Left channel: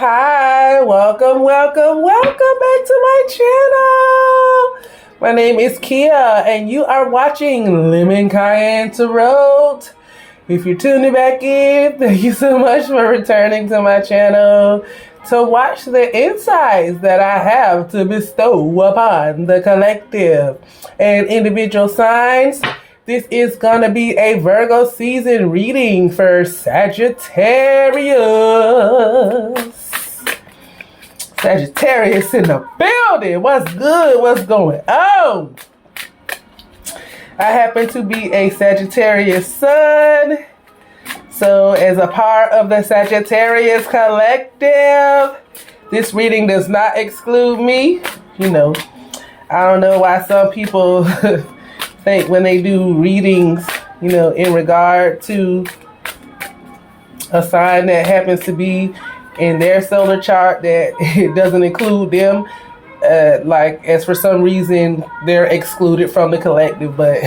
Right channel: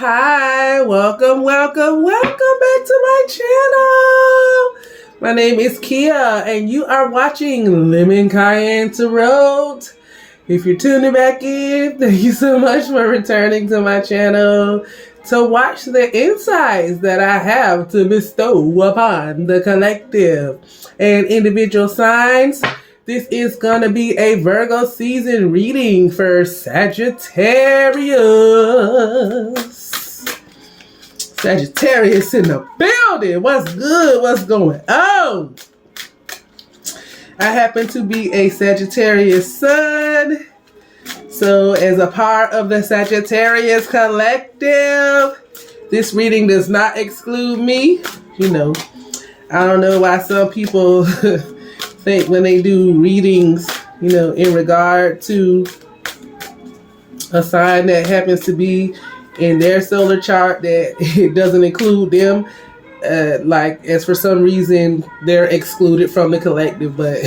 Hi, welcome back to my channel. My name is Kia, and you are watching Lemon Cayenne Tarot. If you're tuning back in, thank you so much for returning to my channel to watch the insights that I have to bestow upon the collective and individual signs. This is going to be a Virgo season reading for Sagittarius. Sagittarius in the building. What's good? What's going on? I happen to be a Sagittarius sun. So as a part of the Sagittarius collective, this reading does not exclude me. You know, I don't know why some people think when they do readings, you know, in regard to a sign that happens to be in their solar chart, that it doesn't include them. Like, as for some reason, they're excluded from the collective, but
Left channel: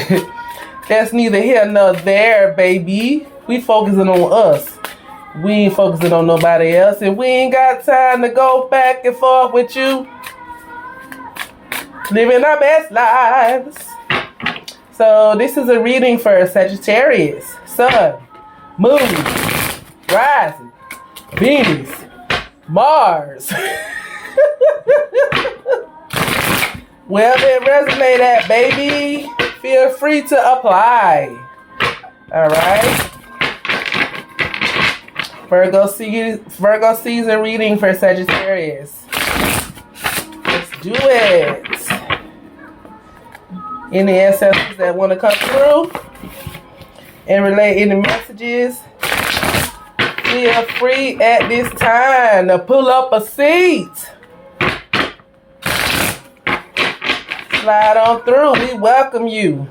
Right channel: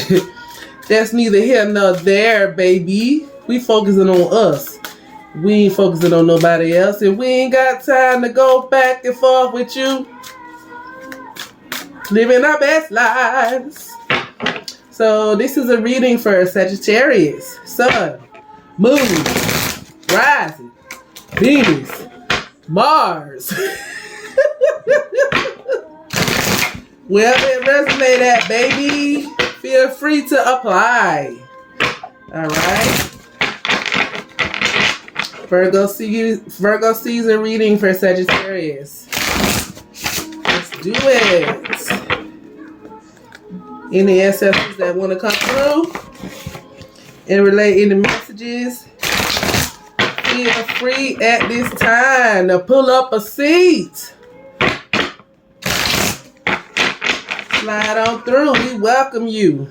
that's neither here nor there, baby. We focusing on us. We ain't focusing on nobody else, and we ain't got time to go back and forth with you. Living our best lives. So this is a reading for Sagittarius, Sun, Moon, Rising, Venus, Mars. Well, then resonate that, baby. Feel free to apply. All right. Virgo season reading for Sagittarius. Let's do it. Any ancestors that want to come through and relay any messages, feel free at this time to pull up a seat. Slide on through. We welcome you.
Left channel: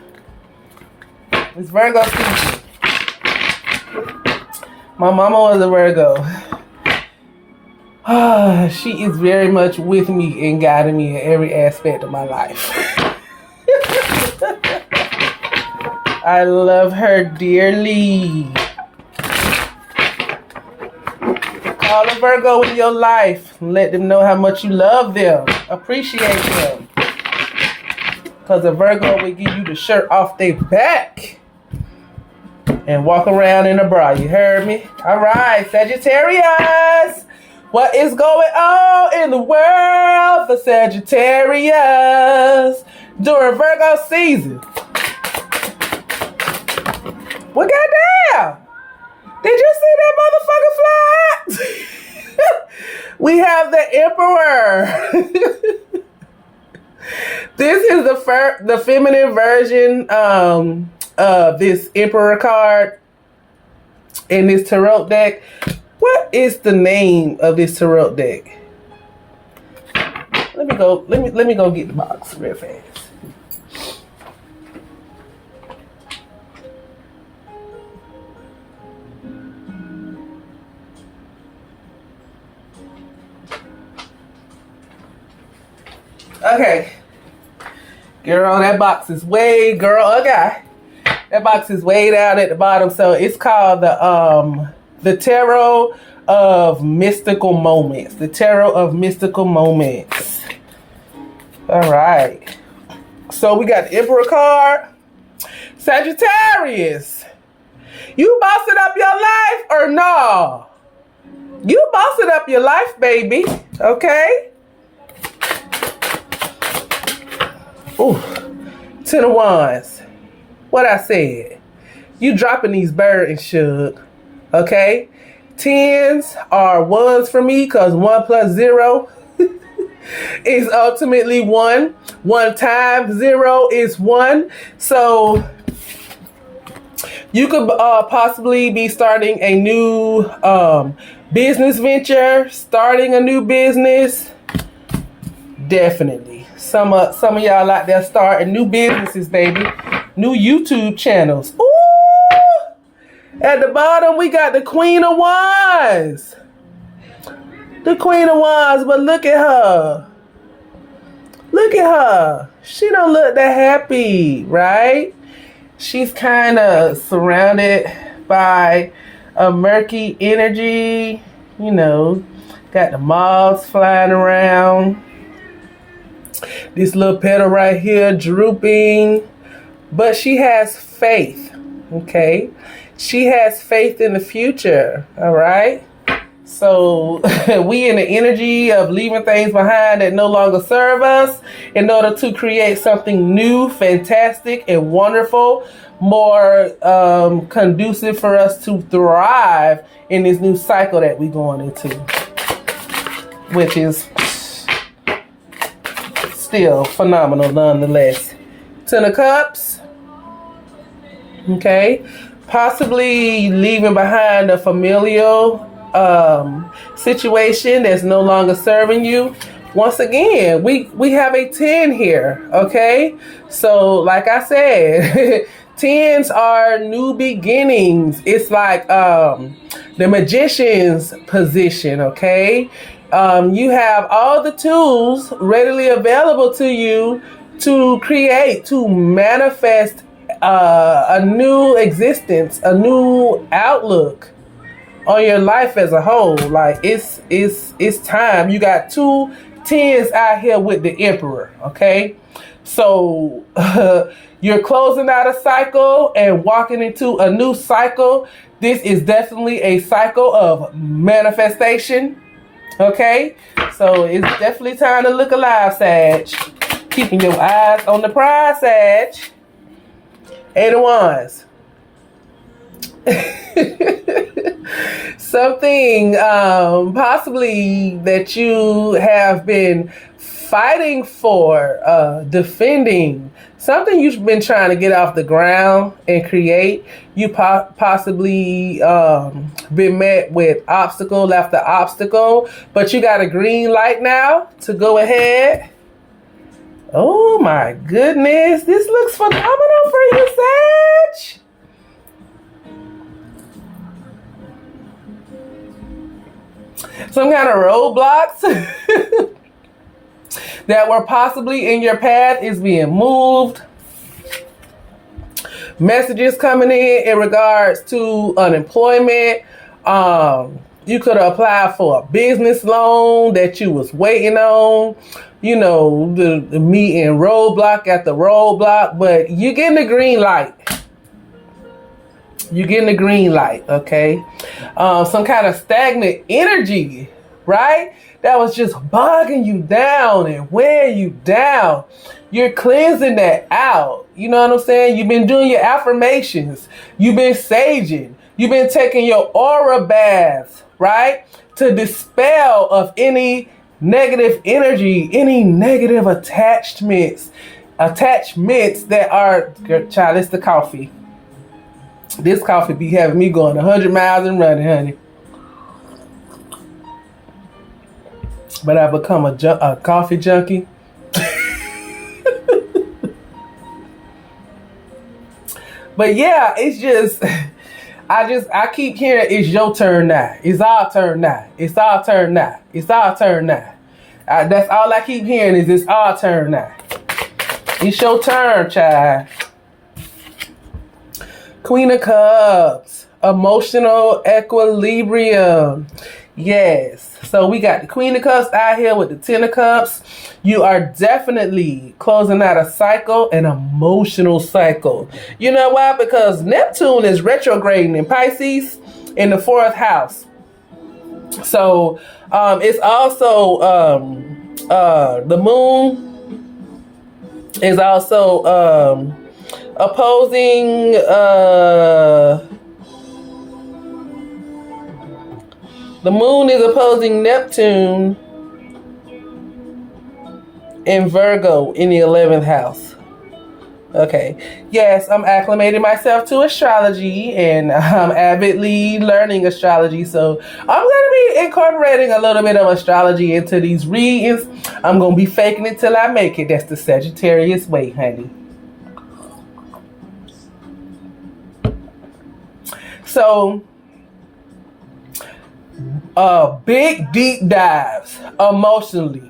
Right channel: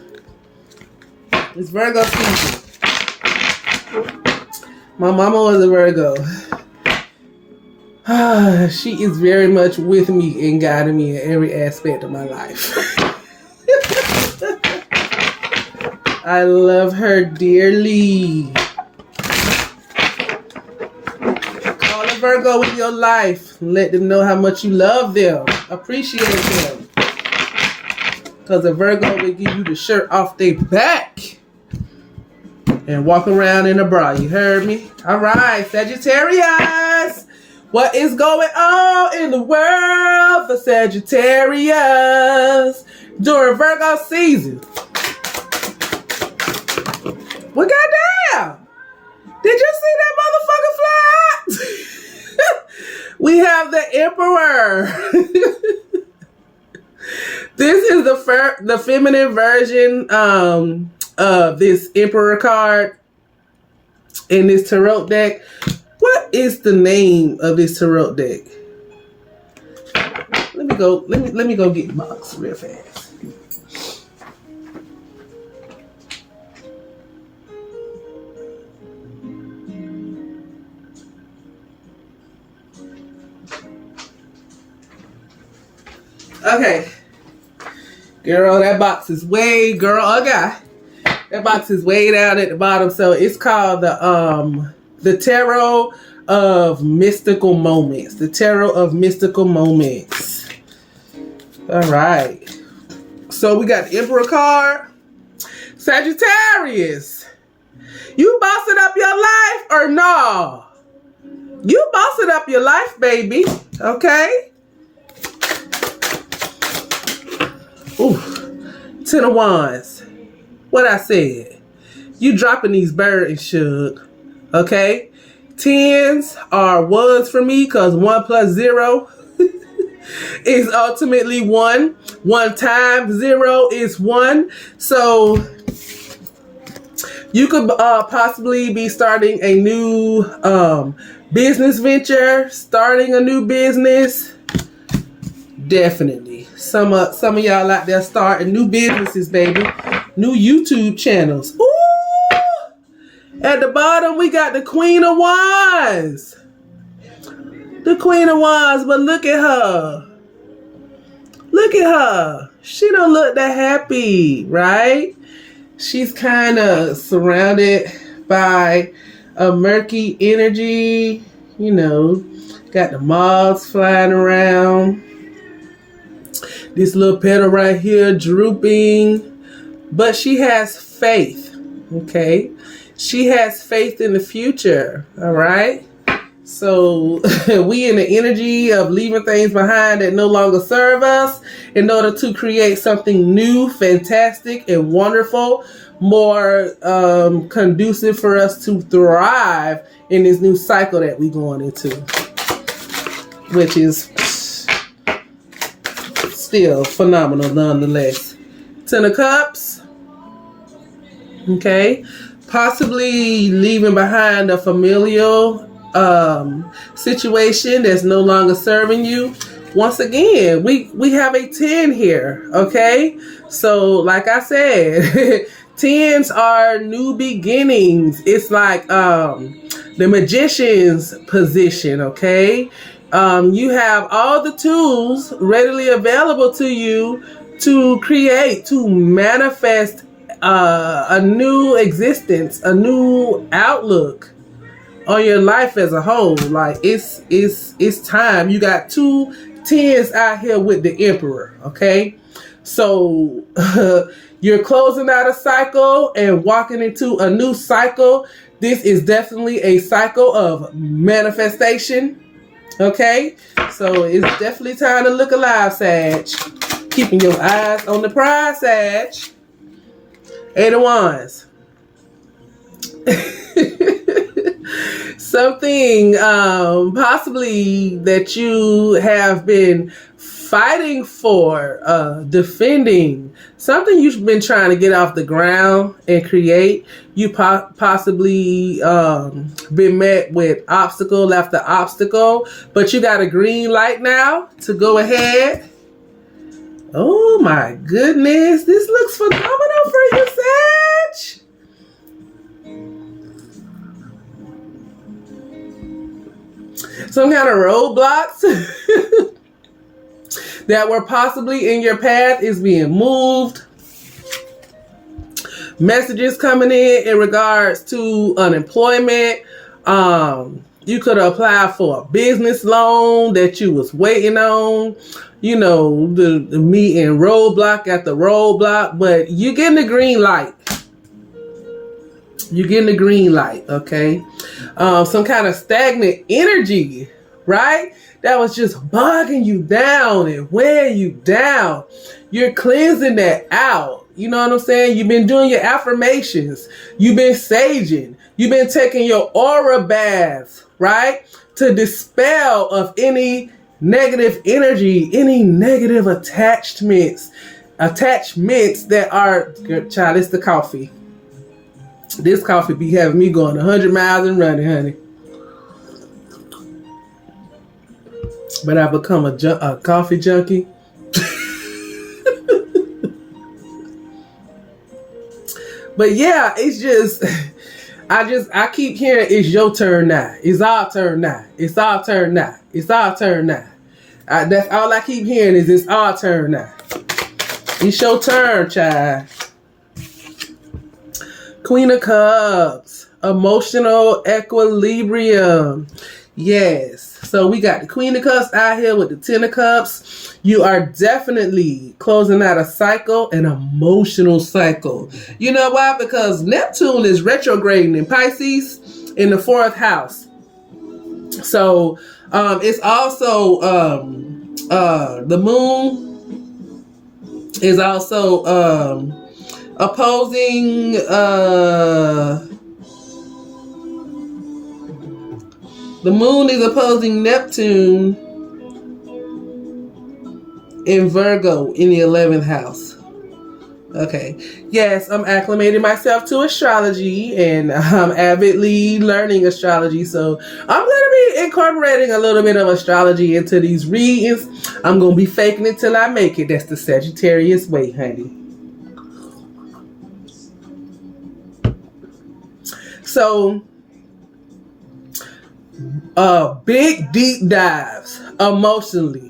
It's Virgo season. My mama was a Virgo. She is very much with me and guiding me in every aspect of my life. I love her dearly. Call a Virgo in your life and let them know how much you love them. Appreciate them. Because a Virgo will give you the shirt off their back and walk around in a bra. You heard me? All right, Sagittarius. What is going on in the world for Sagittarius during Virgo season? Well, goddamn! Did you see that motherfucker fly? We have the Emperor. This is the feminine version of this Emperor card in this tarot deck. What is the name of this tarot deck? Let me go get the box real fast. Okay. Girl, that box is way, that box is way down at the bottom. So it's called the Tarot of Mystical Moments. The Tarot of Mystical Moments. All right. So we got the Emperor card. Sagittarius. You bossing up your life or no? You bossing up your life, baby. Okay? Ooh, 10 of Wands. What I said. You dropping these burdens, Shug. Okay? 10s are 1s for me because 1 plus 0 is ultimately 1. 1 times 0 is 1. So you could possibly be starting a new business venture, starting a new business. Definitely. Some of y'all out there starting new businesses, baby. New YouTube channels. Ooh! At the bottom, we got the Queen of Wands. The Queen of Wands, but look at her. Look at her. She don't look that happy, right? She's kind of surrounded by a murky energy. You know, got the moths flying around. This little petal right here drooping. But she has faith, okay? She has faith in the future, all right? So we in the energy of leaving things behind that no longer serve us in order to create something new, fantastic, and wonderful, more conducive for us to thrive in this new cycle that we're going into, which is still phenomenal nonetheless. Ten of Cups, okay? Possibly leaving behind a familial situation that's no longer serving you. Once again, we have a 10 here, okay? So like I said, 10s are new beginnings. It's like the magician's position, okay? You have all the tools readily available to you to create, to manifest a new existence, a new outlook on your life as a whole. Like it's time. You got 2 10s out here with the Emperor, okay? So you're closing out a cycle and walking into a new cycle. This is definitely a cycle of manifestation, okay? So it's definitely time to look alive, Sag. Keeping your eyes on the prize, Sag. 8 of Wands. Something possibly that you have been fighting for, defending, something you've been trying to get off the ground and create. You possibly been met with obstacle after obstacle, but you got a green light now to go ahead. Oh my goodness, this looks phenomenal for you, Sag. Some kind of roadblocks that were possibly in your path is being moved. Messages coming in regards to unemployment. You could apply for a business loan that you was waiting on. You know, the meeting roadblock after roadblock, but you're getting the green light. You're getting the green light, okay? Some kind of stagnant energy, right? That was just bogging you down and weighing you down. You're cleansing that out. You know what I'm saying? You've been doing your affirmations. You've been saging. You've been taking your aura baths, right? To dispel of any negative energy, any negative attachments that are, child, it's the coffee. This coffee be having me going 100 miles and running, honey. But I've become a coffee junkie. But yeah, it's just, I keep hearing it's your turn now. It's our turn now. It's our turn now. It's our turn now. That's all I keep hearing is it's our turn now. It's your turn, child. Queen of Cups, emotional equilibrium. Yes. So we got the Queen of Cups out here with the 10 of Cups. You are definitely closing out a cycle, an emotional cycle. You know why? Because Neptune is retrograding in Pisces in the 4th house. So it's also the moon is also opposing the moon is opposing Neptune in Virgo in the 11th house. Okay. Yes, I'm acclimating myself to astrology and I'm avidly learning astrology. So I'm going to be incorporating a little bit of astrology into these readings. I'm going to be faking it till I make it. That's the Sagittarius way, honey. So, big deep dives emotionally,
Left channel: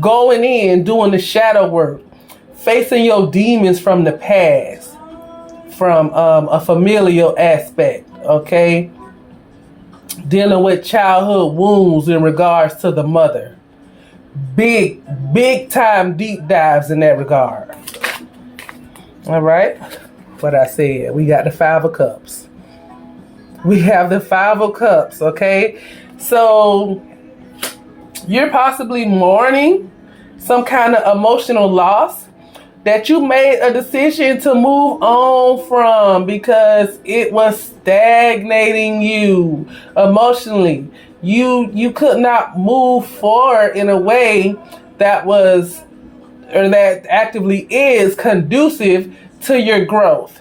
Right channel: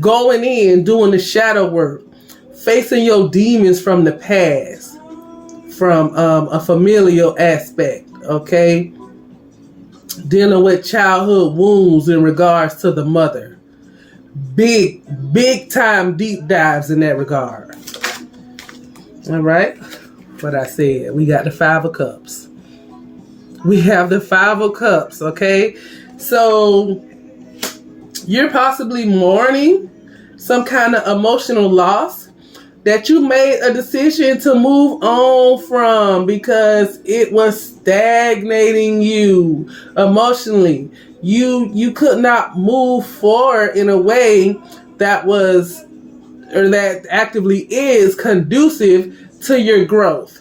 going in, doing the shadow work, facing your demons from the past, from a familial aspect, okay? dealing with childhood wounds in regards to the mother. Big time deep dives in that regard. All right. What I said, we got the Five of Cups. We have the Five of Cups, okay? So you're possibly mourning some kind of emotional loss that you made a decision to move on from because it was stagnating you emotionally. You could not move forward in a way that was, or that actively is, conducive to your growth.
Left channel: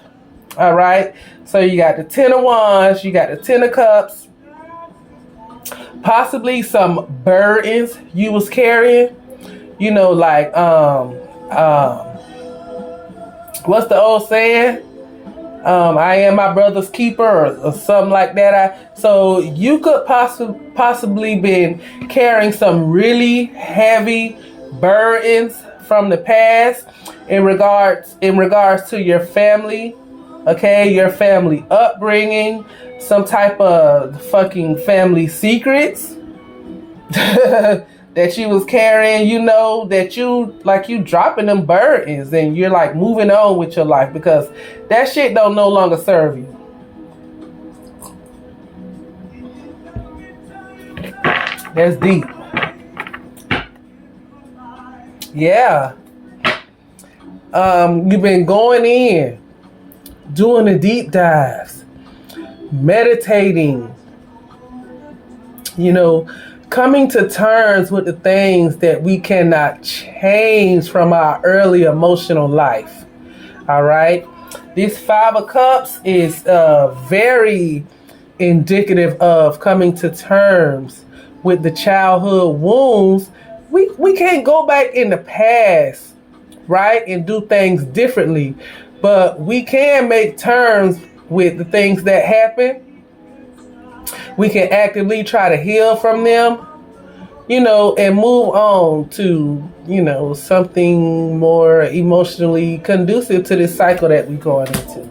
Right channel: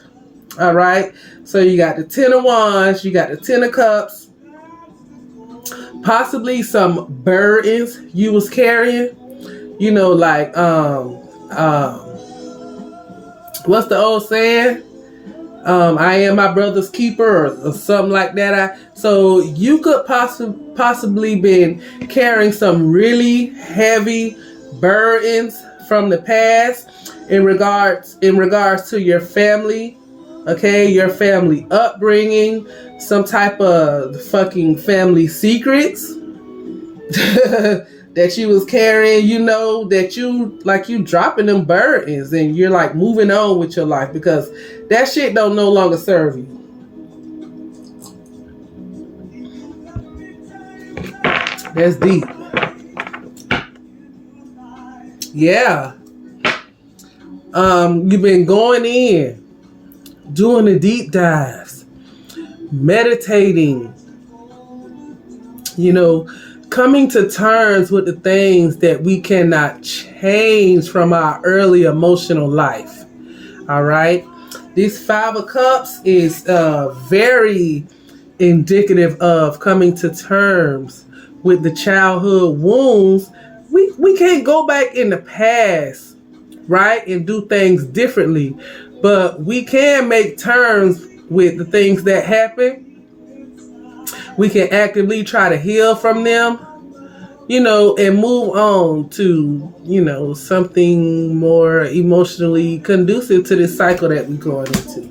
All right. So you got the Ten of Wands, you got the Ten of Cups, possibly some burdens you was carrying. You know, like what's the old saying? I am my brother's keeper, or something like that. So you could possibly been carrying some really heavy burdens from the past in regards to your family, okay, your family upbringing, some type of fucking family secrets that you was carrying, you know, that you dropping them burdens and you're like moving on with your life because that shit don't no longer serve you. That's deep. Yeah. You've been going in, doing the deep dives, meditating, you know, coming to terms with the things that we cannot change from our early emotional life. All right. This Five of Cups is very indicative of coming to terms with the childhood wounds. We can't go back in the past, right, and do things differently, but we can make terms with the things that happen. We can actively try to heal from them, you know, and move on to, you know, something more emotionally conducive to this cycle that we're going into.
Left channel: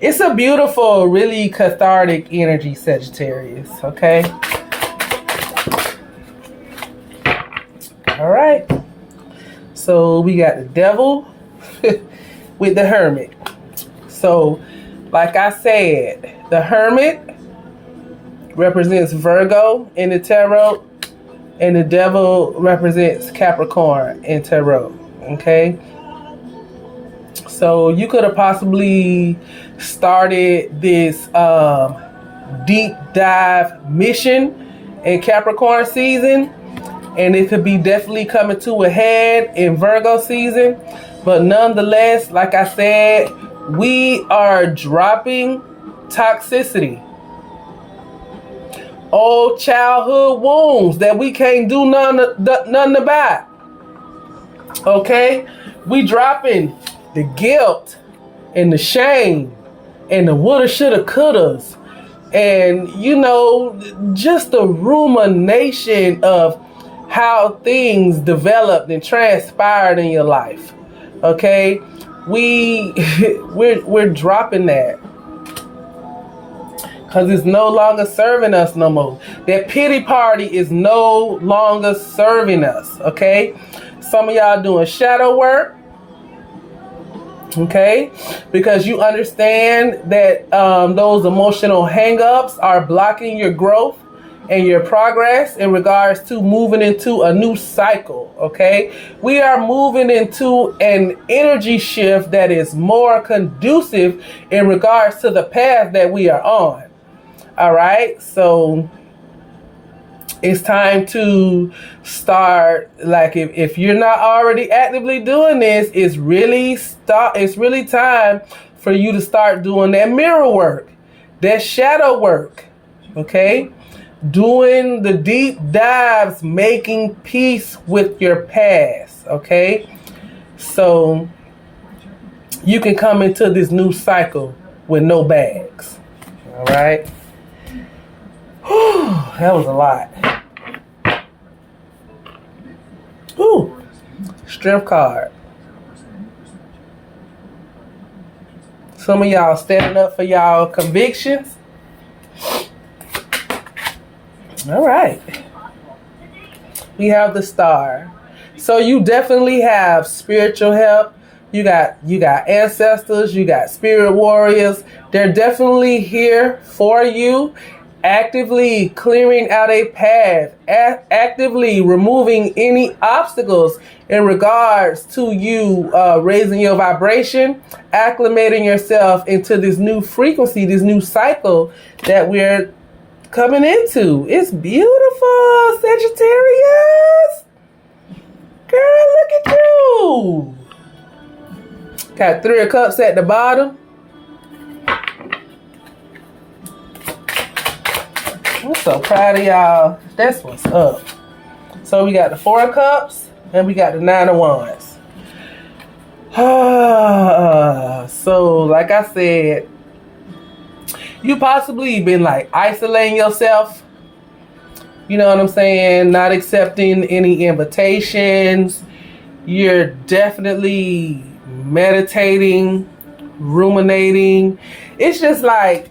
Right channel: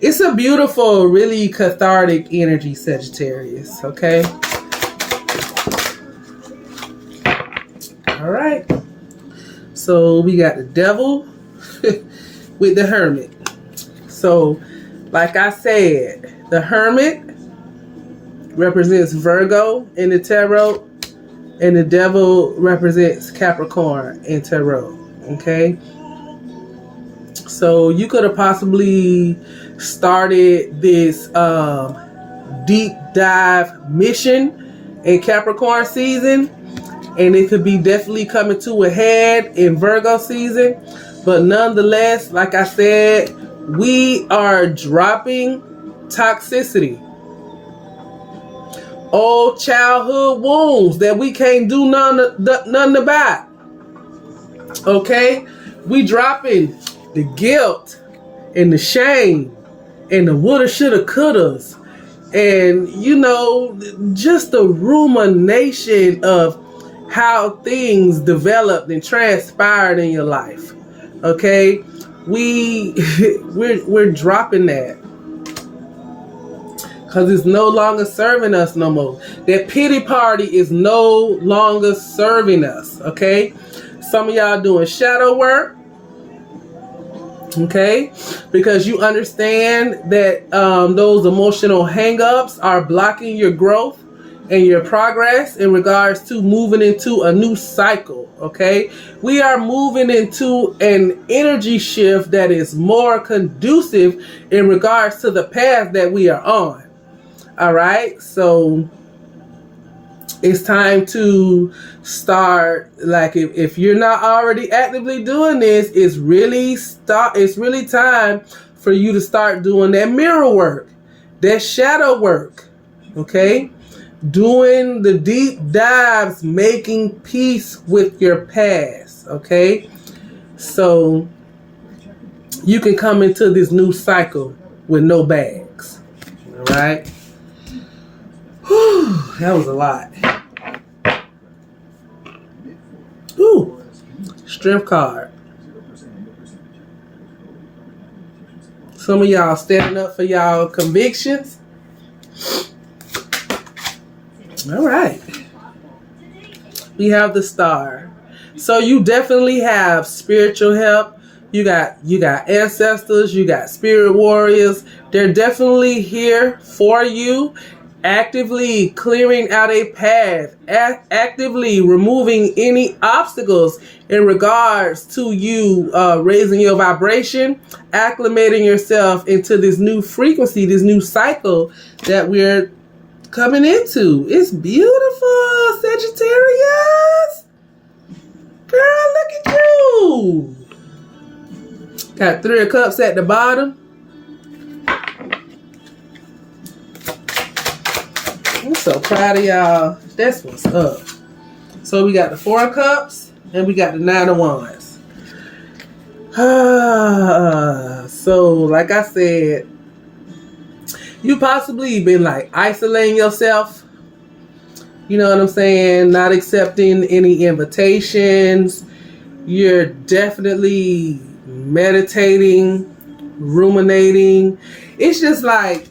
It's a beautiful, really cathartic energy, Sagittarius, okay? All right. So we got the Devil with the Hermit. So, like I said, the Hermit represents Virgo in the tarot, and the Devil represents Capricorn in tarot. Okay, so you could have possibly started this deep dive mission in Capricorn season, and it could be definitely coming to a head in Virgo season. But nonetheless, like I said, we are dropping toxicity, old childhood wounds that we can't do nothing about. Okay? We dropping the guilt and the shame and the woulda, shoulda, couldas. And, you know, just the rumination of how things developed and transpired in your life. Okay? We're dropping that. Because it's no longer serving us no more. That pity party is no longer serving us, okay? Some of y'all doing shadow work, okay? Because you understand that those emotional hang-ups are blocking your growth and your progress in regards to moving into a new cycle, okay? We are moving into an energy shift that is more conducive in regards to the path that we are on. All right, so it's time to start, like if you're not already actively doing this, it's really time for you to start doing that mirror work, that shadow work, okay? Doing the deep dives, making peace with your past, okay? So you can come into this new cycle with no bags, all right? That was a lot. Ooh, Strength card. Some of y'all standing up for y'all convictions. All right. We have the Star. So you definitely have spiritual help. You got ancestors, you got spirit warriors. They're definitely here for you, actively clearing out a path, actively removing any obstacles in regards to you raising your vibration, acclimating yourself into this new frequency, this new cycle that we're coming into. It's beautiful, Sagittarius. Girl, look at you. Got 3 of Cups at the bottom. I'm so proud of y'all. That's what's up. So we got the 4 of Cups and we got the 9 of Wands. So like I said, you possibly been like isolating yourself. You know what I'm saying? Not accepting any invitations. You're definitely meditating, ruminating. It's just like,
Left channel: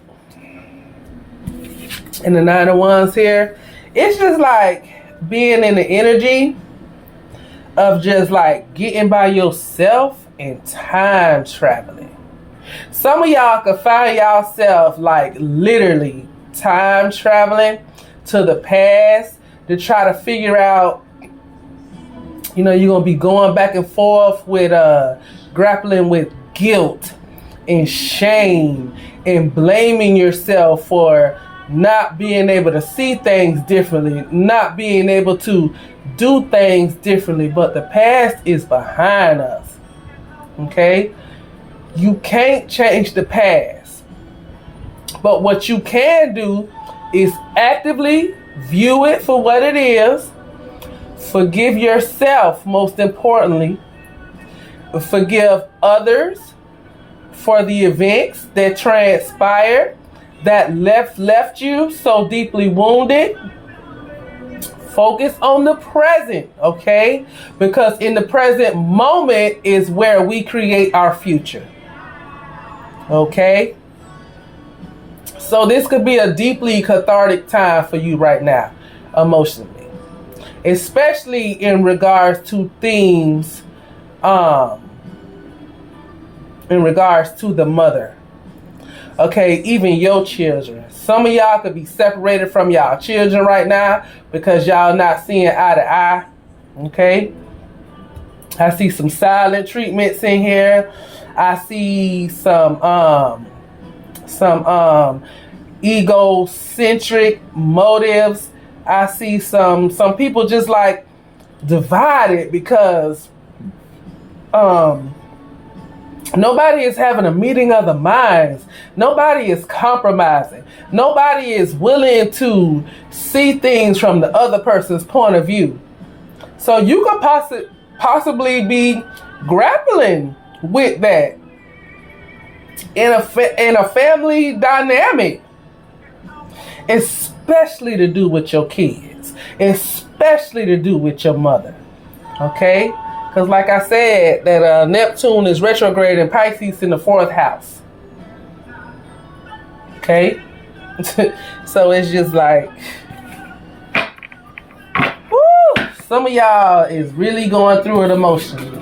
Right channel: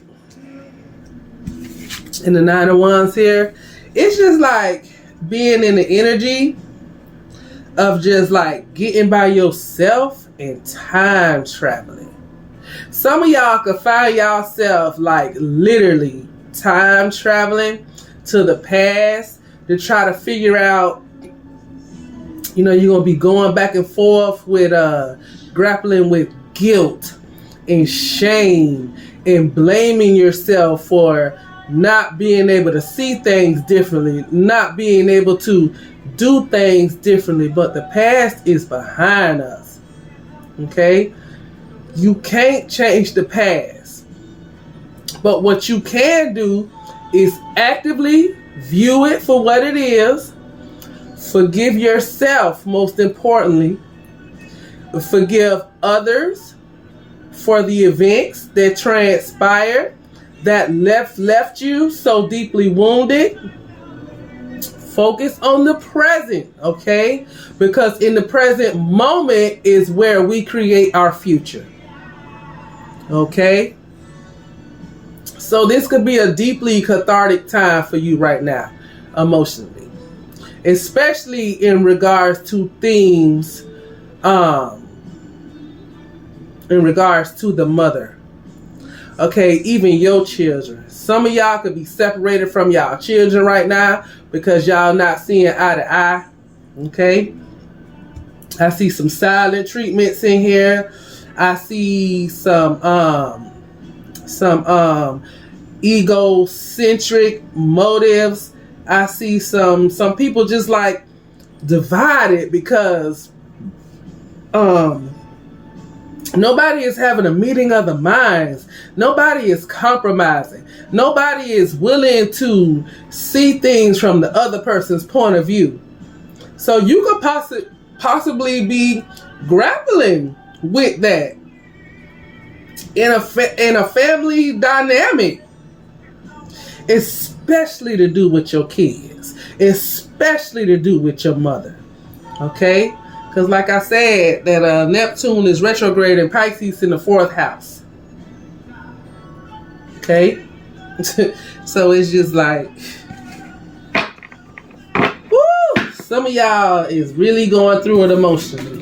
in the 9 of Wands here, it's just like being in the energy of just like getting by yourself and time traveling. Some of y'all could find yourself like literally time traveling to the past to try to figure out, you know, you're going to be going back and forth with grappling with guilt and shame and blaming yourself for not being able to see things differently, not being able to do things differently. But the past is behind us. Okay? You can't change the past. But what you can do is actively view it for what it is. Forgive yourself, most importantly. Forgive others for the events that transpired that left you so deeply wounded. Focus on the present, okay? Because in the present moment is where we create our future. Okay? So this could be a deeply cathartic time for you right now, emotionally. Especially in regards to themes, in regards to the mother. Okay, even your children. Some of y'all could be separated from y'all children right now because y'all not seeing eye to eye. Okay? I see some silent treatments in here. I see some egocentric motives. I see some people just like divided because nobody is having a meeting of the minds. Nobody is compromising. Nobody is willing to see things from the other person's point of view. So you could possibly be grappling with that in a family dynamic, especially to do with your kids, especially to do with your mother. Okay? Because like I said, that Neptune is retrograde in Pisces in the 4th house. Okay? So it's just like, woo! Some of y'all is really going through it emotionally.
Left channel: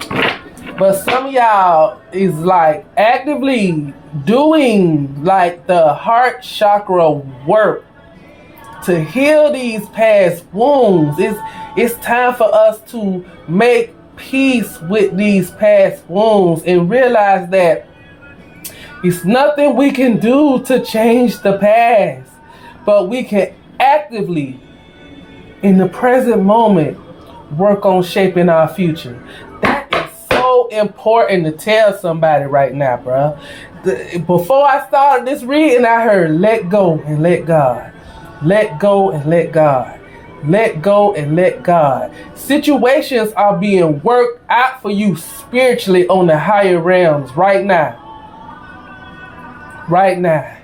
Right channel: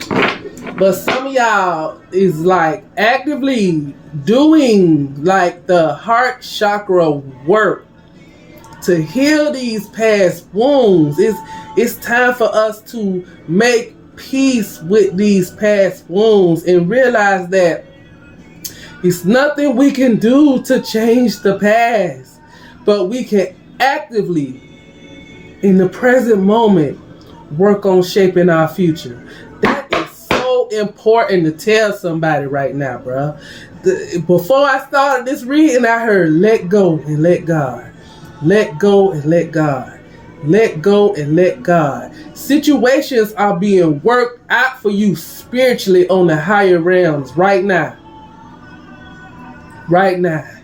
But some of y'all is like actively doing like the heart chakra work to heal these past wounds. It's time for us to make peace with these past wounds and realize that it's nothing we can do to change the past, but we can actively, in the present moment, work on shaping our future. That is so important to tell somebody right now, bro. Before I started this reading, I heard let go and let God. Let go and let God. Let go and let God. Situations are being worked out for you spiritually on the higher realms right now. Right now.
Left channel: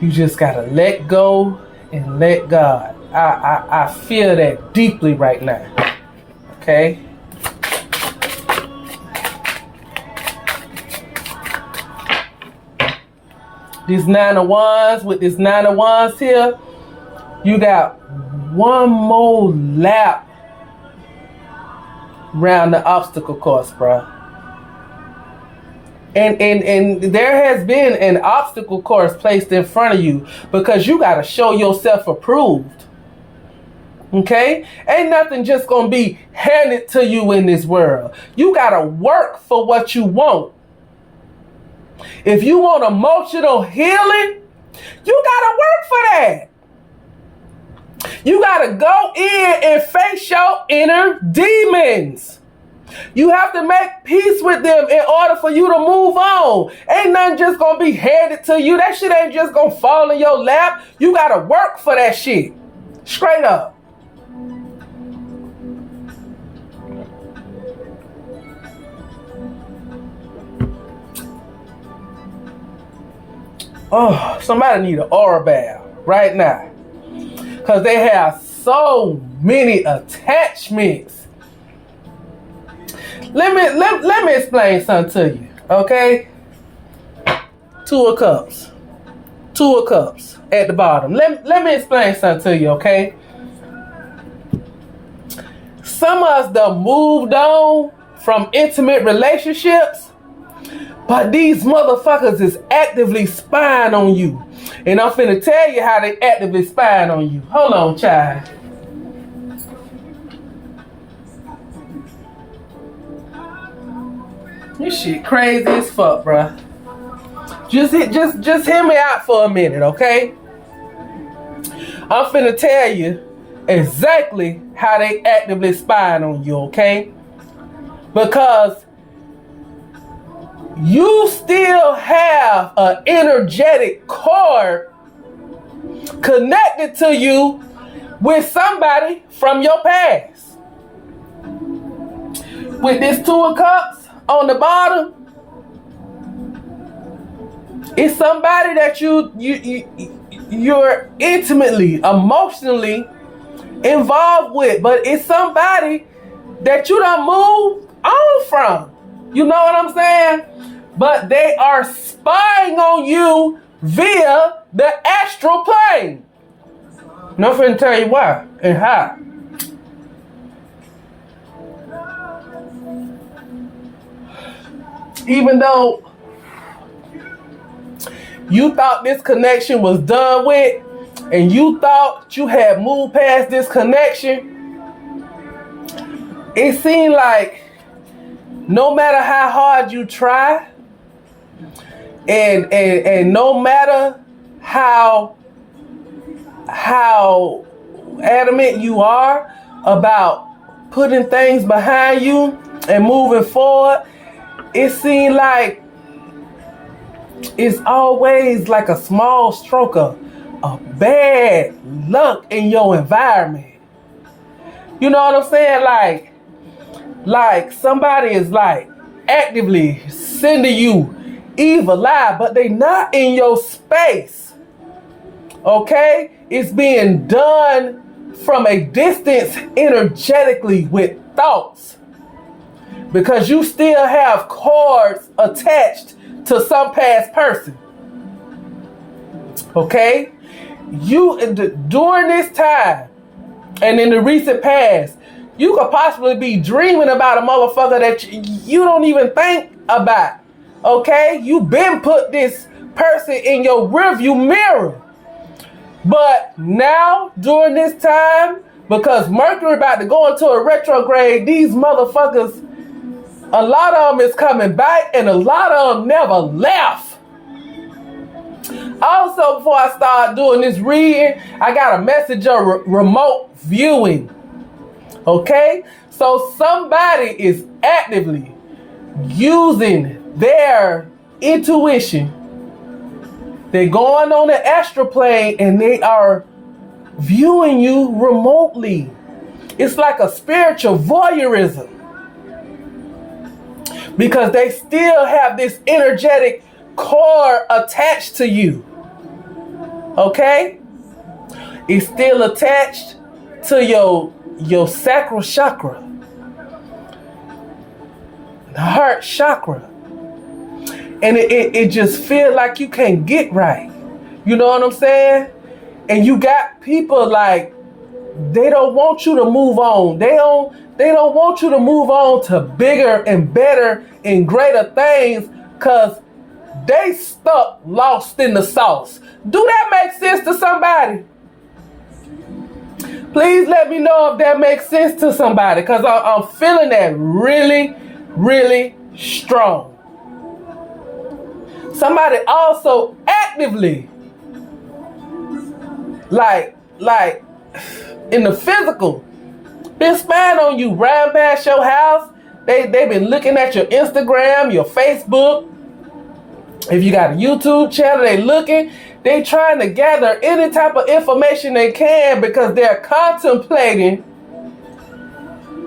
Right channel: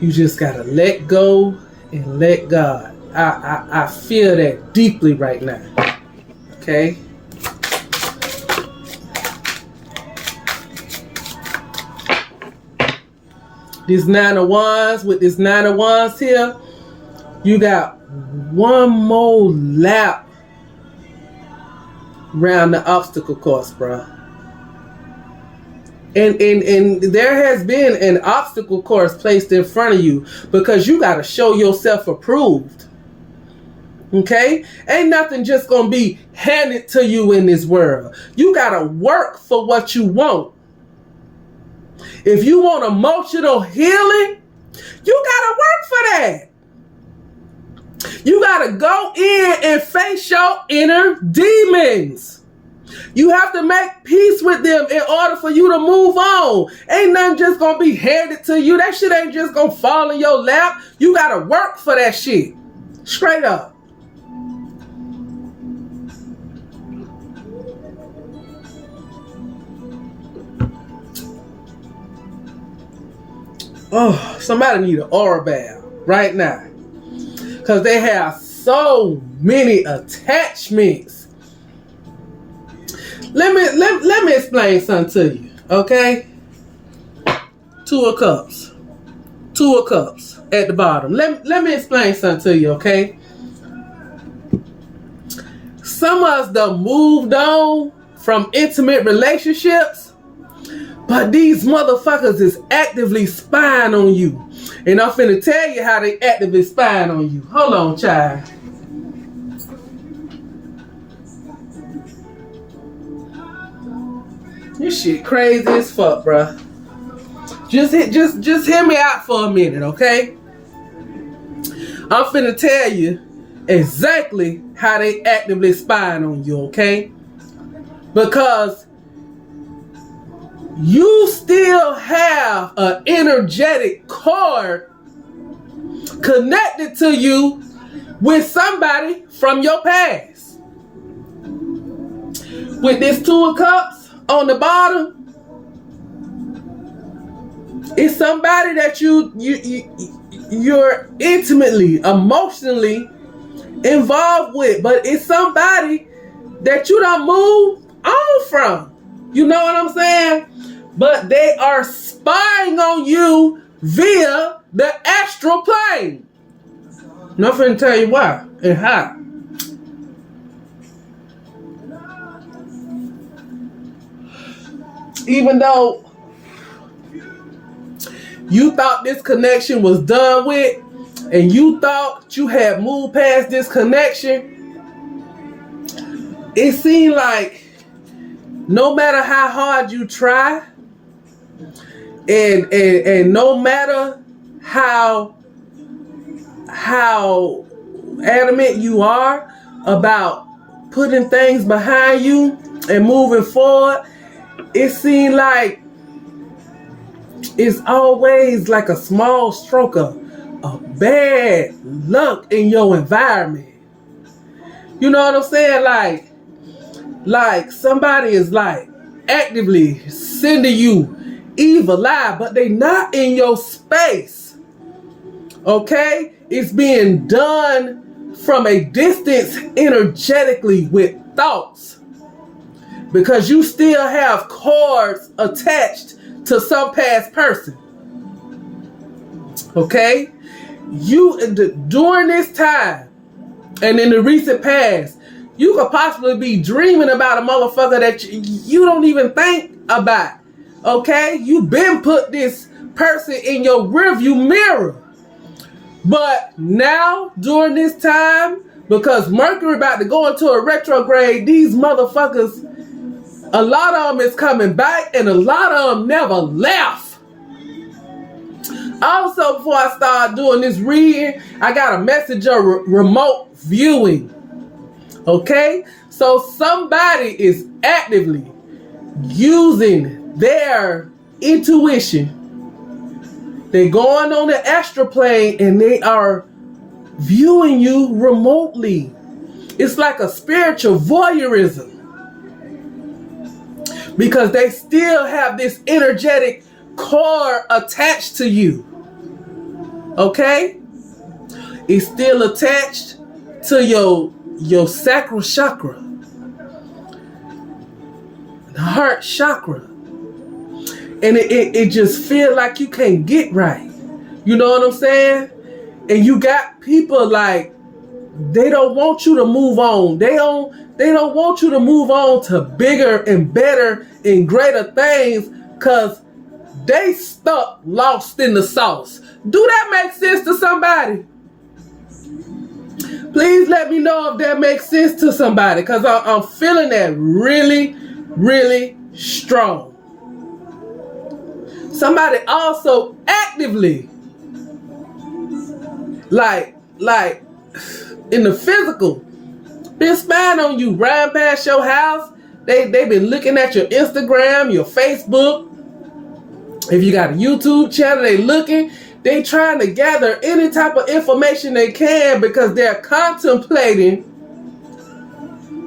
You just gotta let go and let God. I feel that deeply right now. Okay? These 9 of Wands, with this 9 of Wands here, You got one more lap around the obstacle course, bro. And there has been an obstacle course placed in front of you because you got to show yourself approved. Okay? Ain't nothing just going to be handed to you in this world. You got to work for what you want. If you want emotional healing, you got to work for that. You got to go in and face your inner demons. You have to make peace with them in order for you to move on. Ain't nothing just going to be handed to you. That shit ain't just going to fall in your lap. You got to work for that shit. Straight up. Oh, somebody need an aura bath right now. Because they have so many attachments. Let me explain something to you, okay? Two of Cups at the bottom. Let me explain something to you, okay? Some of us done moved on from intimate relationships, but these motherfuckers is actively spying on you. And I'm finna tell you how they actively spying on you. Hold on, child. This shit crazy as fuck, bruh. Just hear me out for a minute, okay? I'm finna tell you exactly how they actively spying on you, okay? Because you still have an energetic cord connected to you with somebody from your past. With this Two of Cups on the bottom, it's somebody that you're intimately, emotionally involved with, but it's somebody that you done moved on from. You know what I'm saying? But they are spying on you via the astral plane. And I'm finna tell you why and how. Even though you thought this connection was done with, and you thought you had moved past this connection, it seemed like no matter how hard you try, and no matter how adamant you are about putting things behind you and moving forward, it seems like it's always like a small stroke of bad luck in your environment. You know what I'm saying? Like somebody is like actively sending you evil eye, but they not in your space. Okay? It's being done from a distance energetically with thoughts. Because you still have cords attached to some past person. Okay? During this time and in the recent past, you could possibly be dreaming about a motherfucker that you don't even think about. Okay? You been put this person in your rearview mirror. But now, during this time, because Mercury about to go into a retrograde, these motherfuckers, a lot of them is coming back and a lot of them never left. Also, before I start doing this reading, I got a message of remote viewing. Okay? So somebody is actively using their intuition. They're going on the astral plane and they are viewing you remotely. It's like a spiritual voyeurism. Because they still have this energetic cord attached to you. Okay? It's still attached to your sacral chakra. The heart chakra. And it just feels like you can't get right. You know what I'm saying? And you got people like, they don't want you to move on. They don't want you to move on to bigger and better and greater things because they stuck lost in the sauce. Do that make sense to somebody? Please let me know if that makes sense to somebody, because I'm feeling that really, really strong. Somebody also actively, like in the physical, been spying on you, riding past your house. They been looking at your Instagram, your Facebook. If you got a YouTube channel, they looking. They trying to gather any type of information they can because they're contemplating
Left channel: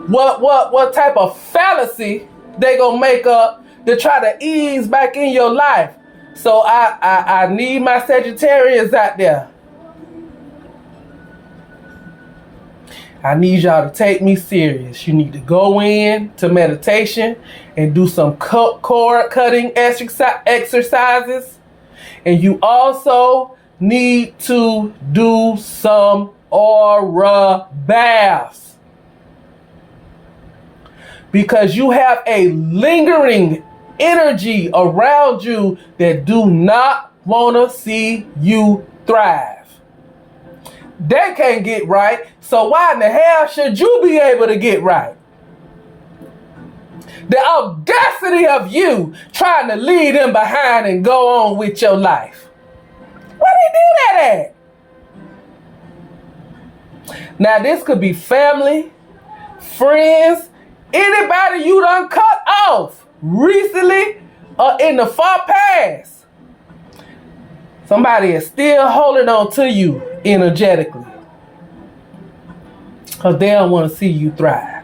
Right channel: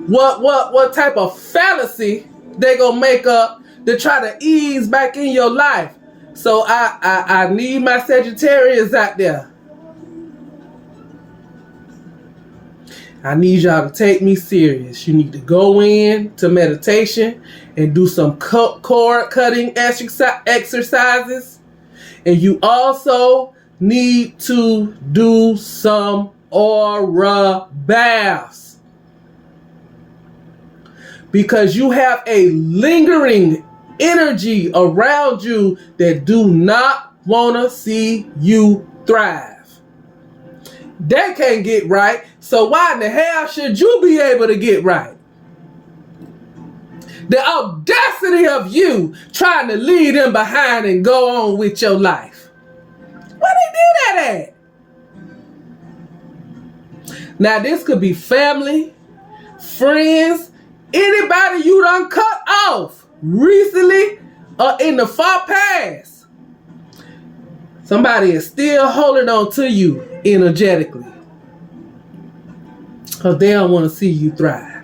what type of fallacy they gonna make up to try to ease back in your life. So I need my Sagittarius out there. I need y'all to take me serious. You need to go in to meditation and do some cord cutting exercises. And you also need to do some aura baths. Because you have a lingering energy around you that do not want to see you thrive. They can't get right, so why in the hell should you be able to get right? The audacity of you trying to leave them behind and go on with your life. Where they do that at? Now this could be family, friends, anybody you done cut off recently or in the far past. Somebody is still holding on to you energetically because they don't want to see you thrive.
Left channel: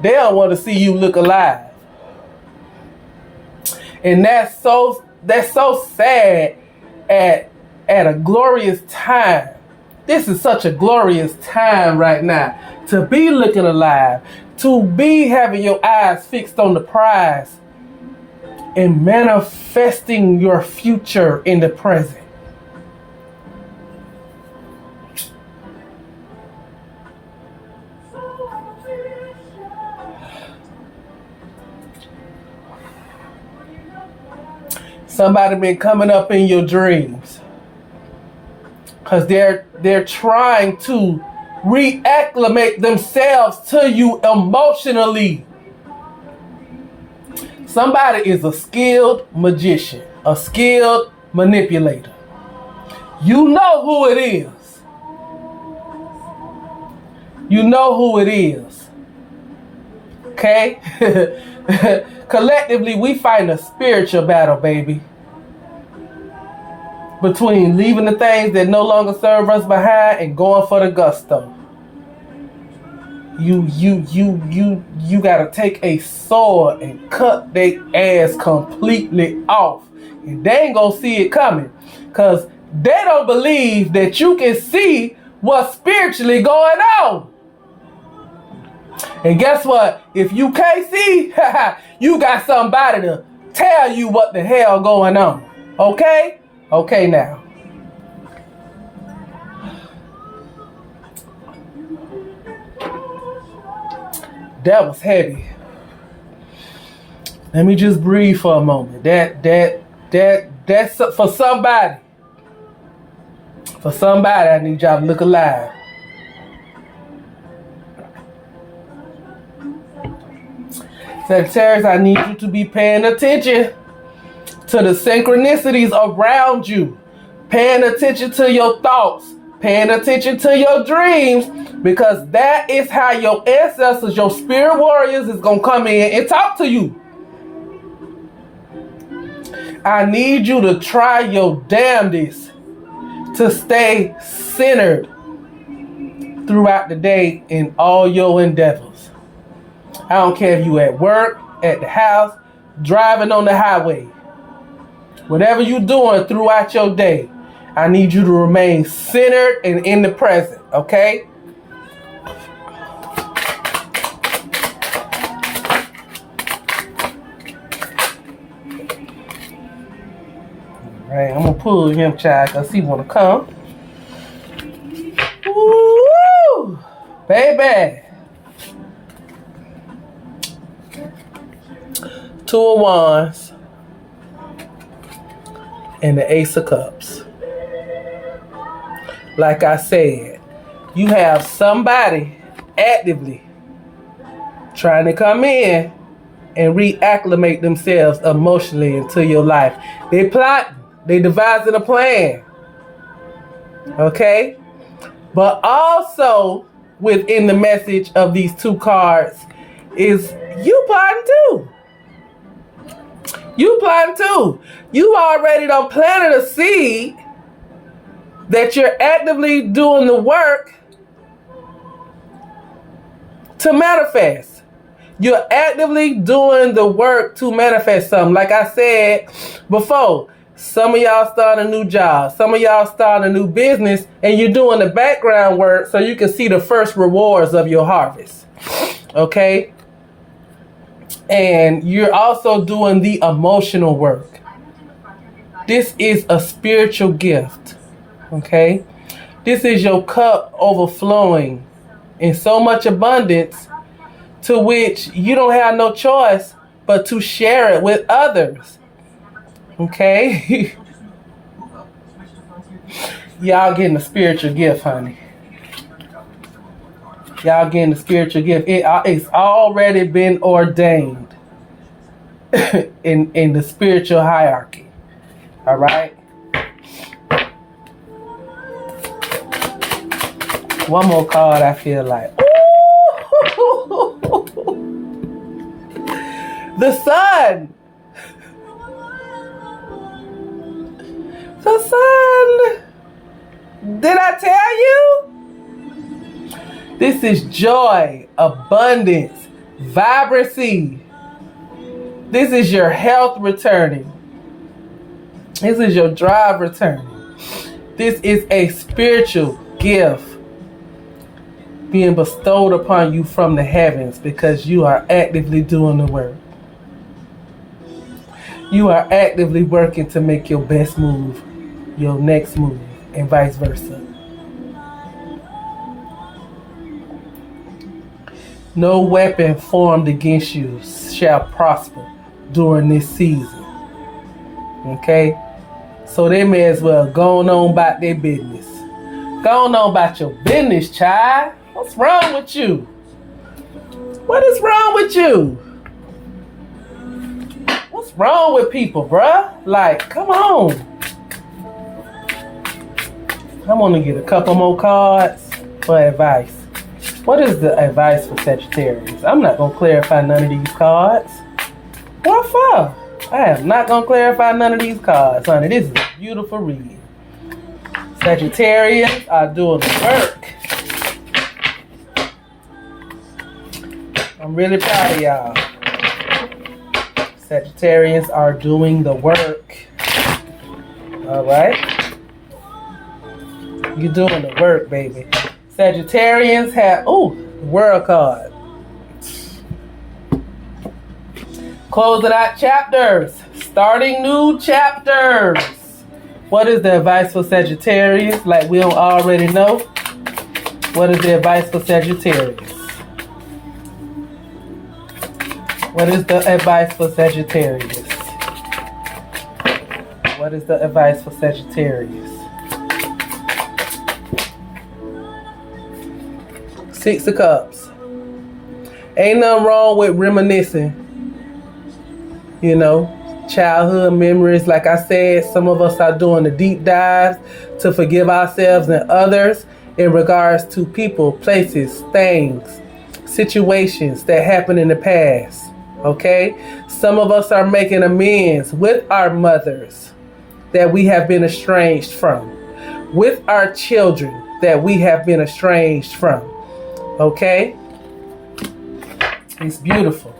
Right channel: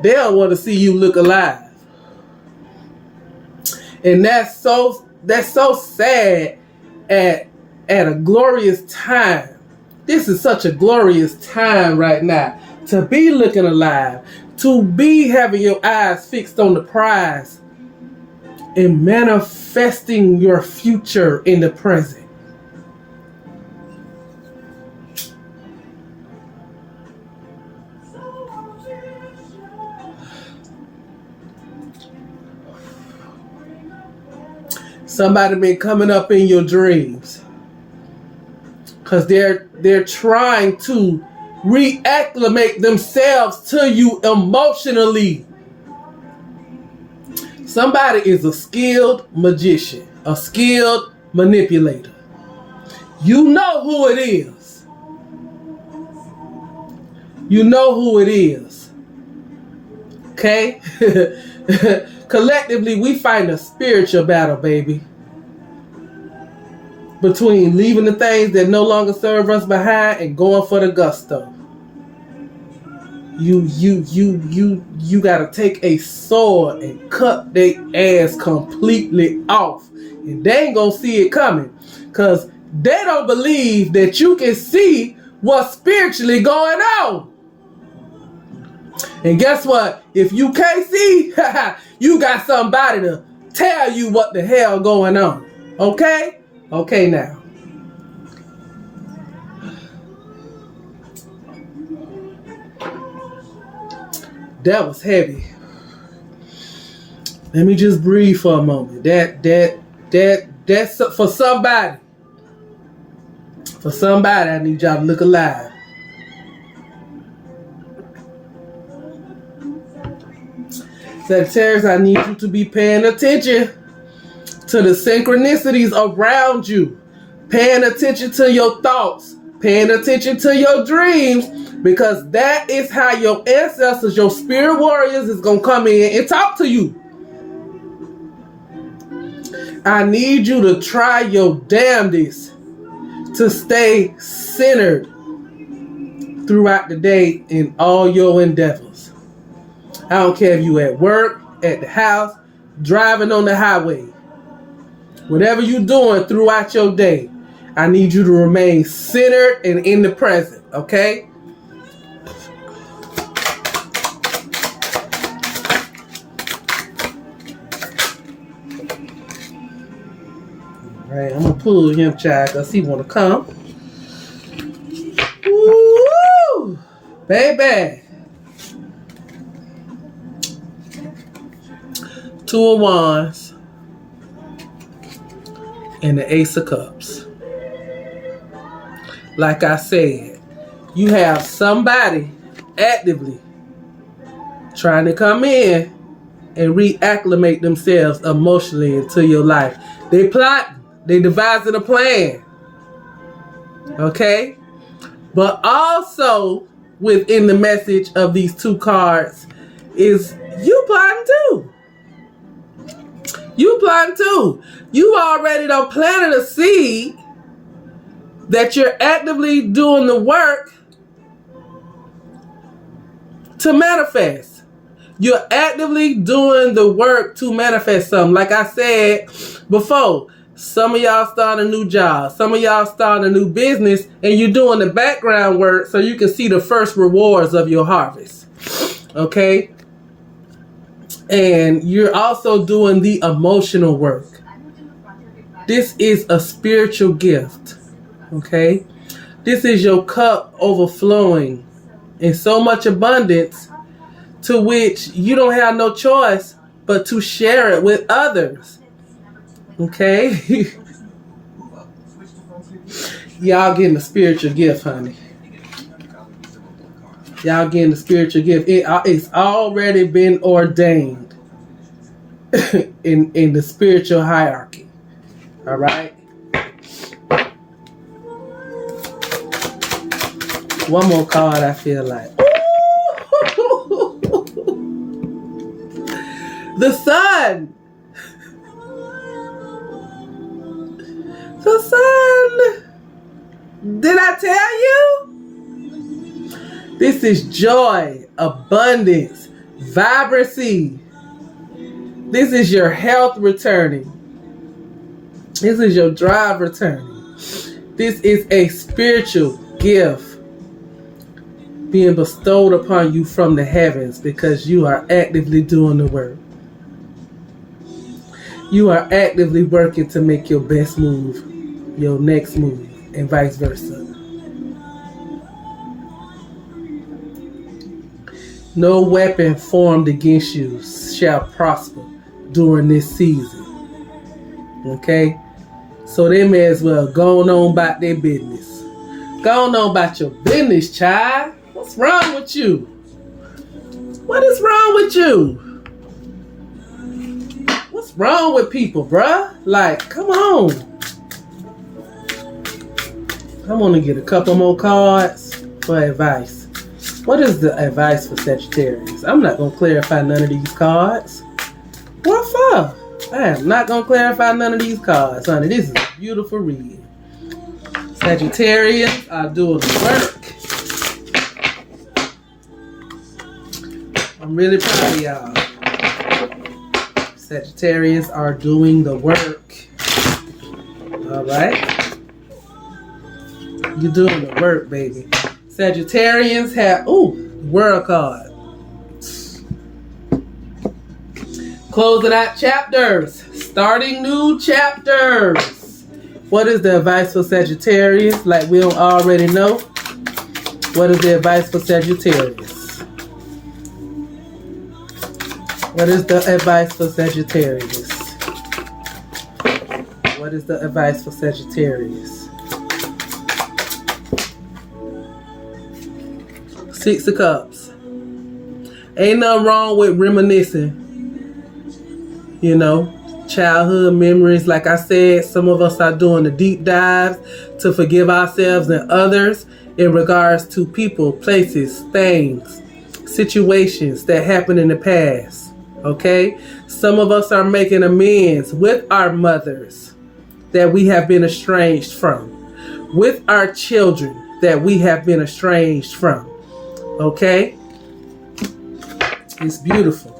They don't want to see you look alive. And that's so sad at a glorious time. This is such a glorious time right now to be looking alive, to be having your eyes fixed on the prize and manifesting your future in the present. Somebody been coming up in your dreams because they're trying to reacclimate themselves to you emotionally. Somebody is a skilled magician, a skilled manipulator. You know who it is. You know who it is. Okay? Collectively, we fight a spiritual battle, baby. Between leaving the things that no longer serve us behind and going for the gusto. You gotta take a sword and cut their ass completely off. And they ain't gonna see it coming. Cause they don't believe that you can see what's spiritually going on. And guess what? If you can't see, you got somebody to tell you what the hell going on. Okay? Okay now. That was heavy. Let me just breathe for a moment. That's for somebody. For somebody, I need y'all to look alive. Sagittarius, I need you to be paying attention to the synchronicities around you. Paying attention to your thoughts. Paying attention to your dreams. Because that is how your ancestors, your spirit warriors, is going to come in and talk to you. I need you to try your damnedest to stay centered throughout the day in all your endeavors. I don't care if you at work, at the house, driving on the highway. Whatever you're doing throughout your day, I need you to remain centered and in the present, okay? Right, I'm gonna pull him, child, because he wanna come. Woo! Baby. Two of Wands and the Ace of Cups. Like I said, you have somebody actively trying to come in and reacclimate themselves emotionally into your life. They plot, they devising a plan. Okay? But also within the message of these two cards is you plotting too. You plotting too. You already done planted a seed that you're actively doing the work to manifest. You're actively doing the work to manifest something. Like I said before, some of y'all starting a new job. Some of y'all starting a new business, and you're doing the background work so you can see the first rewards of your harvest. Okay? And you're also doing the emotional work. This is a spiritual gift. Okay? This is your cup overflowing in so much abundance to which you don't have no choice but to share it with others. Okay? Y'all getting a spiritual gift, honey. Y'all getting the spiritual gift. It's already been ordained in the spiritual hierarchy. All right? One more card, I feel like. The sun. The sun. Did I tell you? This is joy, abundance, vibrancy. This is your health returning. This is your drive returning. This is a spiritual gift being bestowed upon you from the heavens because you are actively doing the work. You are actively working to make your best move, your next move, and vice versa. No weapon formed against you shall prosper during this season. Okay? So they may as well go on about their business. Go on about your business, child. What's wrong with you? What is wrong with you? What's wrong with people, bruh? Like, come on. I'm gonna get a couple more cards for advice. What is the advice for Sagittarius? I'm not gonna clarify none of these cards. What for? I am not gonna clarify none of these cards, honey. This is a beautiful read. Sagittarius are doing the work. I'm really proud of y'all. Sagittarians are doing the work. All right? You're doing the work, baby. Sagittarians have, world card. Closing out chapters. Starting new chapters. What is the advice for Sagittarius? Like we don't already know. What is the advice for Sagittarius? What is the advice for Sagittarius? What is the advice for Sagittarius? Six of Cups. Ain't nothing wrong with reminiscing. You know, childhood memories. Like I said, some of us are doing the deep dives to forgive ourselves and others in regards to people, places, things, situations that happened in the past. Okay? Some of us are making amends with our mothers that we have been estranged from, with our children that we have been estranged from. Okay? It's beautiful.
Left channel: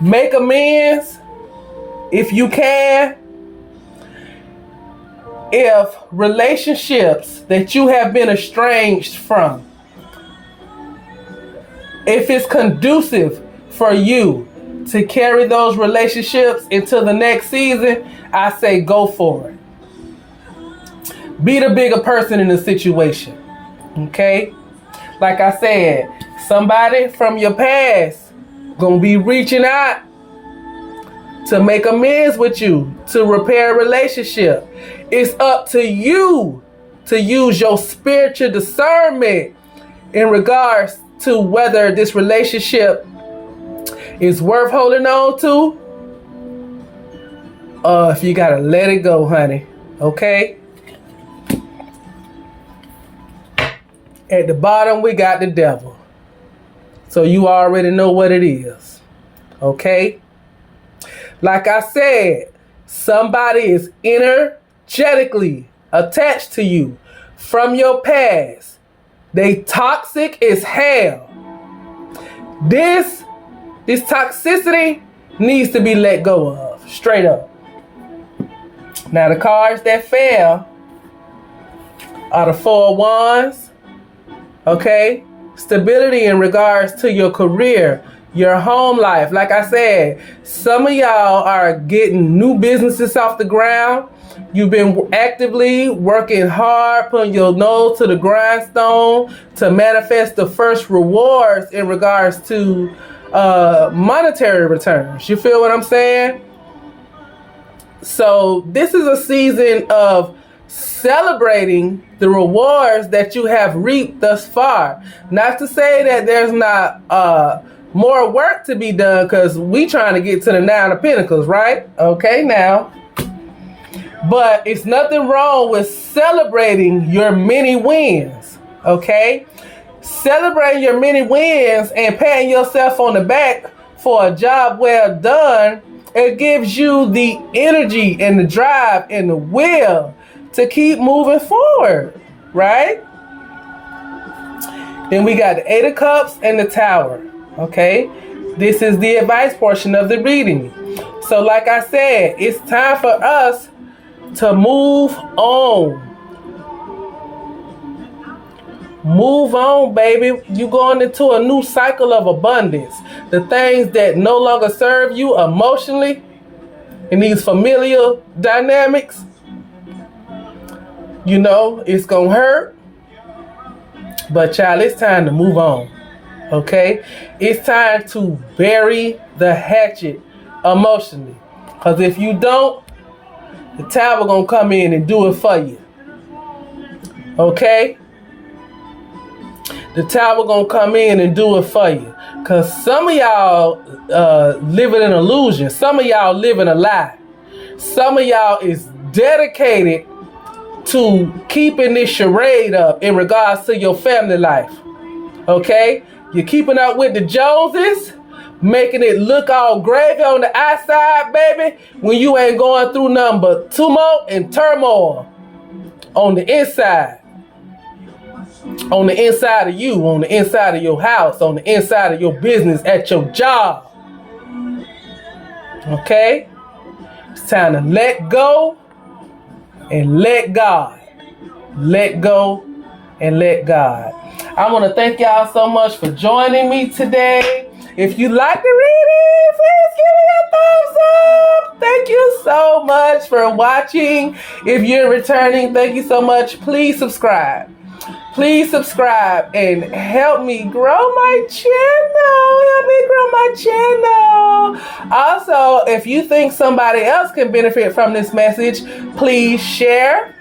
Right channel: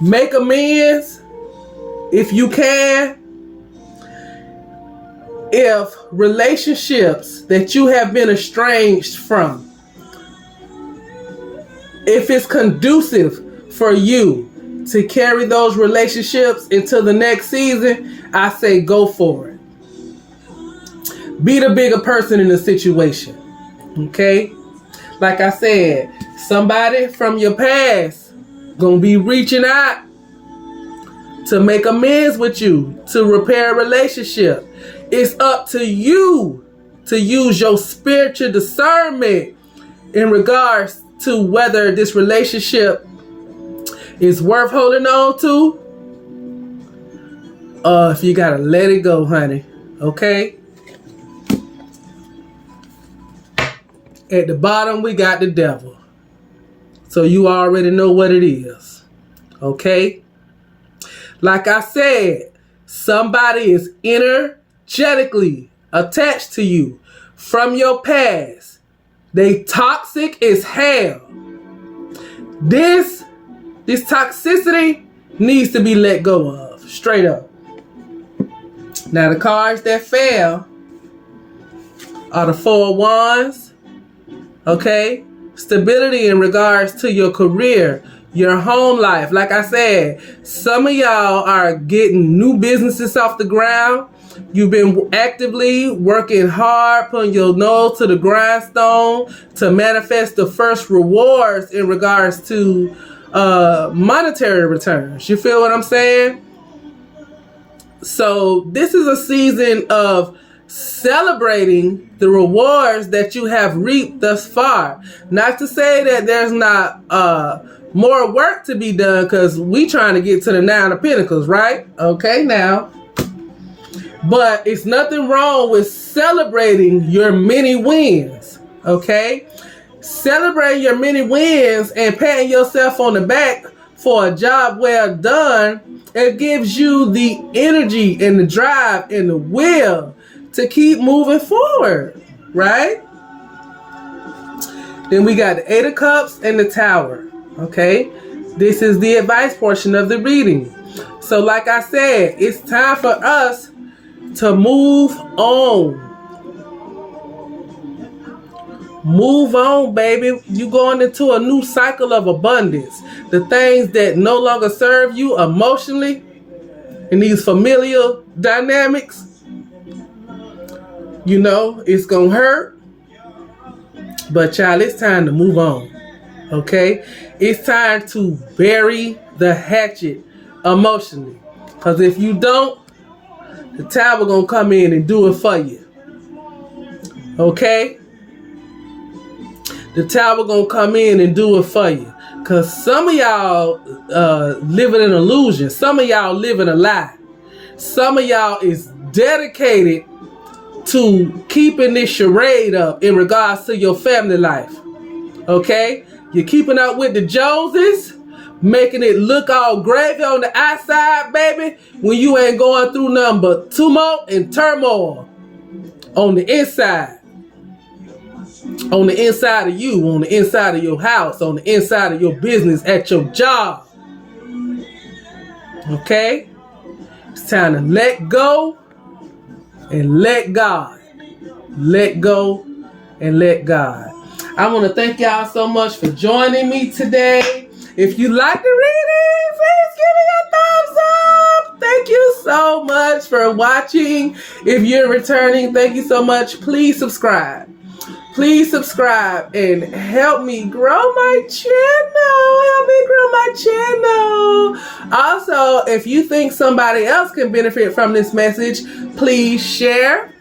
Make amends if you can. If relationships that you have been estranged from, if it's conducive for you to carry those relationships into the next season, I say go for it. Be the bigger person in the situation. Okay? Like I said, somebody from your past gonna be reaching out to make amends with you, to repair a relationship. It's up to you to use your spiritual discernment in regards to whether this relationship is worth holding on to, if you gotta let it go, honey. Okay? At the bottom, we got the devil. So you already know what it is. Okay? Like I said, somebody is energetically attached to you from your past. They toxic as hell. This toxicity needs to be let go of. Straight up. Now the cards that fell are the 4 of Wands. Okay? Stability in regards to your career, your home life. Like I said, some of y'all are getting new businesses off the ground. You've been actively working hard, putting your nose to the grindstone to manifest the first rewards in regards to monetary returns. You feel what I'm saying? So this is a season of celebrating the rewards that you have reaped thus far. Not to say that there's not more work to be done, because we trying to get to the 9 of Pentacles, right? Okay, now. But it's nothing wrong with celebrating your many wins, okay? Celebrating your many wins and patting yourself on the back for a job well done, it gives you the energy and the drive and the will to keep moving forward, right? Then we got the 8 of Cups and the Tower, okay? This is the advice portion of the reading. So like I said, it's time for us to move on. Move on, baby. You going into a new cycle of abundance. The things that no longer serve you emotionally in these familial dynamics, you know, it's gonna hurt. But child, it's time to move on. Okay? It's time to bury the hatchet emotionally. Because if you don't, the Tower gonna come in and do it for you. Okay? The Tower gonna come in and do it for you. Because some of y'all live in an illusion. Some of y'all live in a lie. Some of y'all is dedicated to keeping this charade up in regards to your family life. Okay? You're keeping up with the Joneses, making it look all gravy on the outside, baby, when you ain't going through nothing but tumult and turmoil on the inside. On the inside of you, on the inside of your house, on the inside of your business, at your job. Okay? It's time to let go and let God. Let go and let God. I want to thank y'all so much for joining me today. If you like the reading, please give me a thumbs up. Thank you so much for watching. If you're returning, thank you so much. Please subscribe. Please subscribe and help me grow my channel. Help me grow my channel. Also, if you think somebody else can benefit from this message, please share.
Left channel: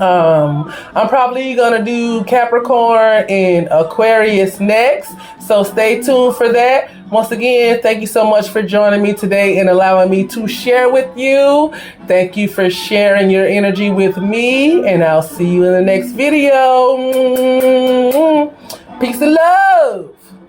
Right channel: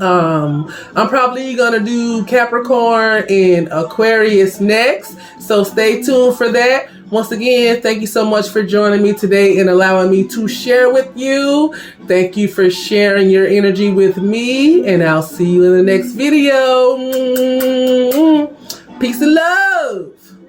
I'm probably gonna do Capricorn and Aquarius next, so stay tuned for that. Once again, thank you so much for joining me today and allowing me to share with you. Thank you for sharing your energy with me, and I'll see you in the next video. Peace and love.